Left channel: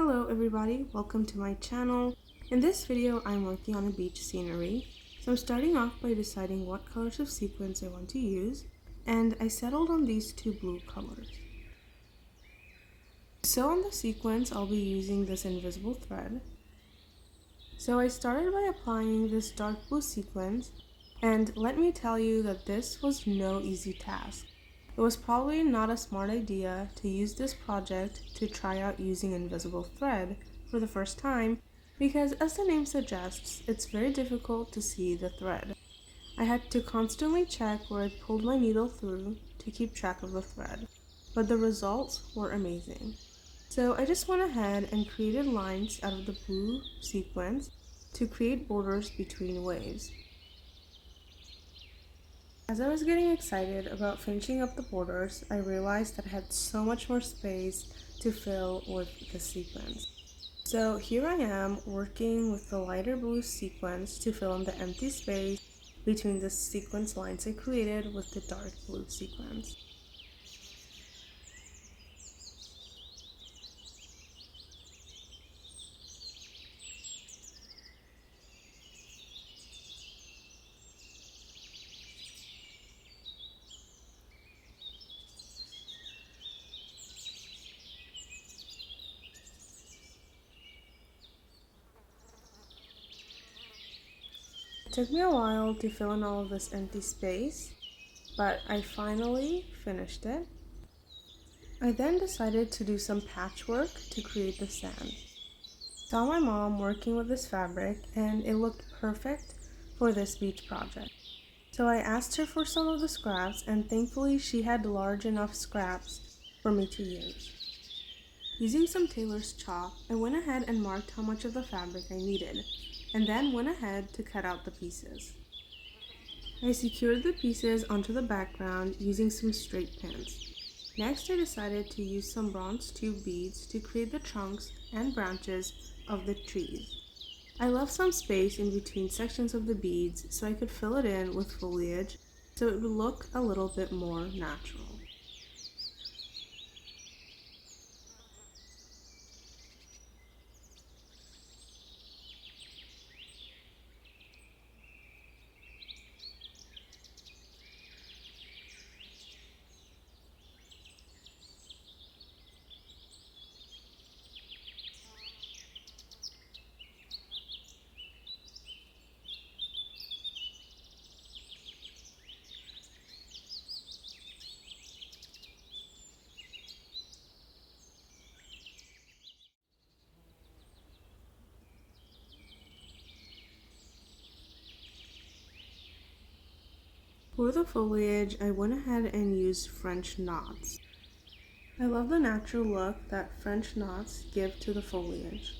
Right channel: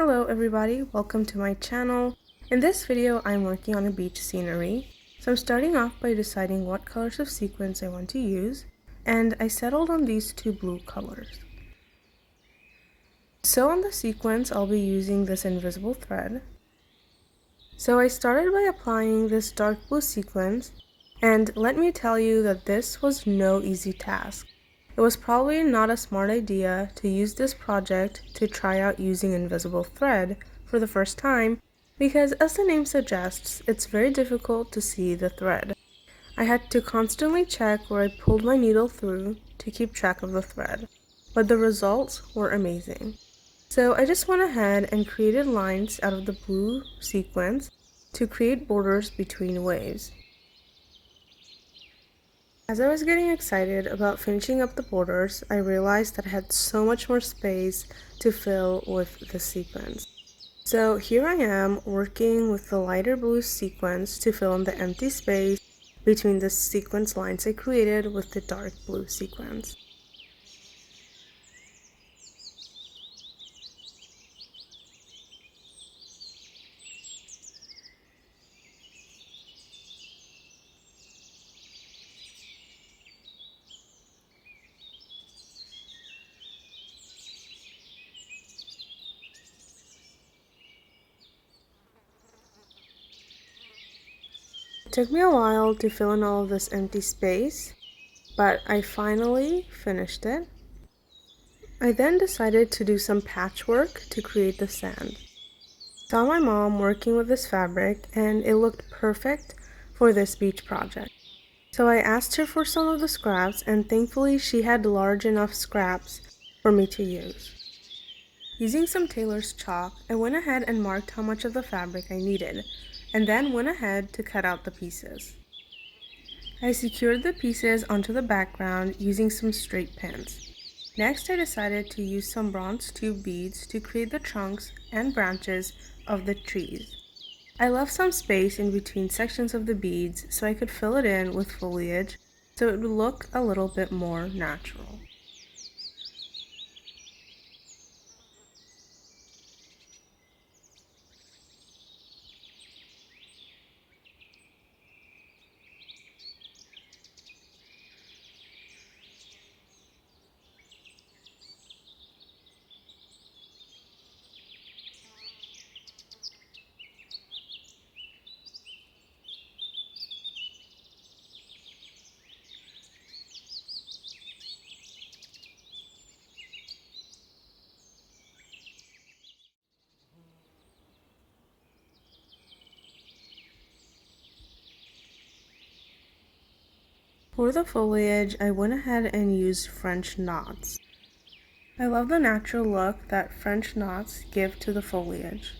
Hello everybody, welcome to my channel. In this video I'm working on a beach scenery. So I'm starting off by deciding what colors of sequins I want to use, and I settled on these two blue colors. So on the sequins I'll be using this invisible thread. So I started by applying this dark blue sequins, and let me tell you that this was no easy task. It was probably not a smart idea to use this project to try out using invisible thread for the first time because, as the name suggests, it's very difficult to see the thread. I had to constantly check where I pulled my needle through to keep track of the thread, but the results were amazing. So I just went ahead and created lines out of the blue sequins to create borders between waves. As I was getting excited about finishing up the borders, I realized that I had so much more space to fill with the sequins. So here I am working with the lighter blue sequins to fill in the empty space between the sequence lines I created with the dark blue sequins. It took me a while to fill in all of this empty space, but I finally finished it. I then decided to do some patchwork to create the sand. Saw my mom working with this fabric and it looked perfect for this beach project. So I asked her for some of the scraps, and thankfully she had large enough scraps for me to use. Using some tailor's chalk, I went ahead and marked how much of the fabric I needed, and then went ahead to cut out the pieces. I secured the pieces onto the background using some straight pins. Next, I decided to use some bronze tube beads to create the trunks and branches of the trees. I left some space in between sections of the beads so I could fill it in with foliage so it would look a little bit more natural. For the foliage, I went ahead and used French knots. I love the natural look that French knots give to the foliage.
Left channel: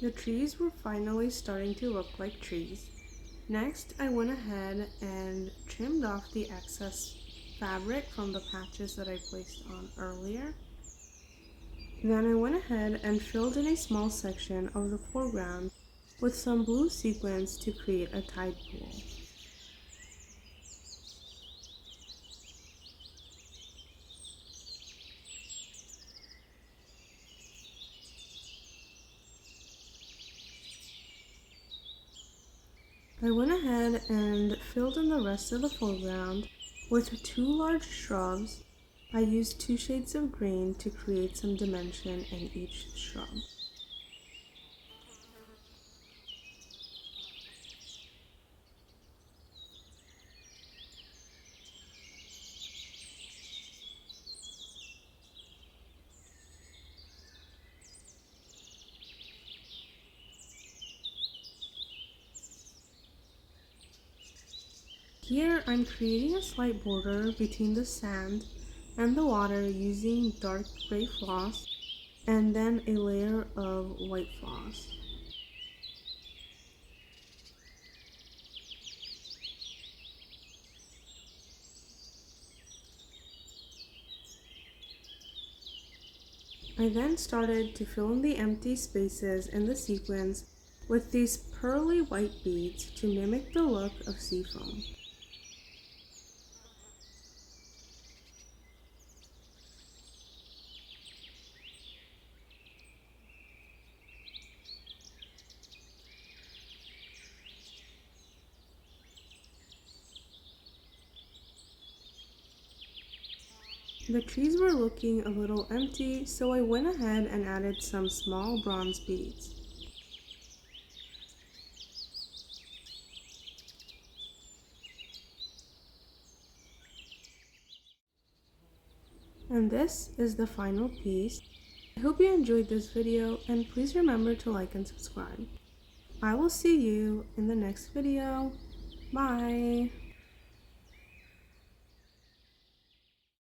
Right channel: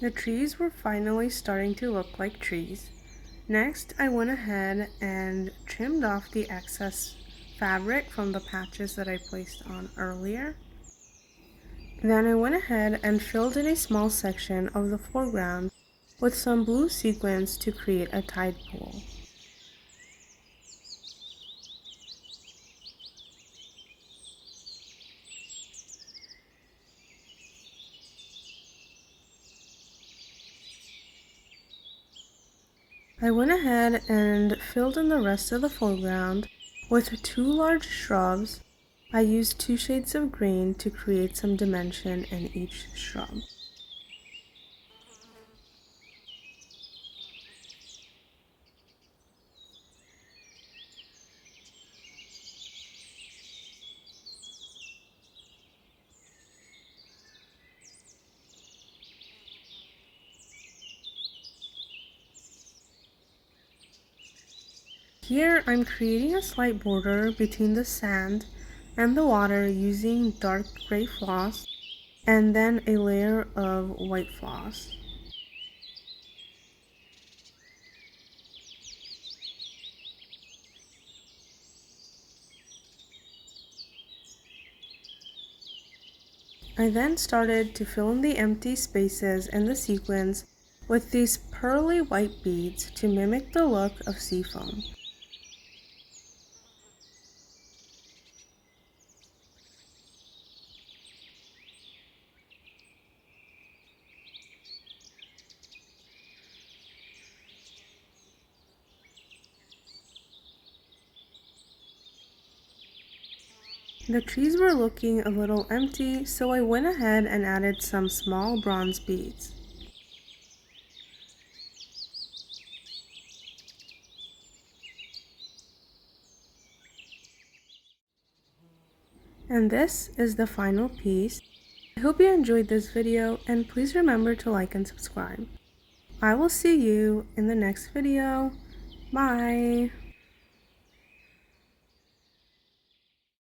The trees were finally starting to look like trees. Next, I went ahead and trimmed off the excess fabric from the patches that I placed on earlier. Then I went ahead and filled in a small section of the foreground with some blue sequins to create a tide pool. I went ahead and filled in the rest of the foreground with two large shrubs. I used two shades of green to create some dimension in each shrub. Here I'm creating a slight border between the sand and the water using dark gray floss and then a layer of white floss. I then started to fill in the empty spaces in the sequins with these pearly white beads to mimic the look of seafoam. The trees were looking a little empty, so I went ahead and added some small bronze beads. And this is the final piece. I hope you enjoyed this video, and please remember to like and subscribe. I will see you in the next video.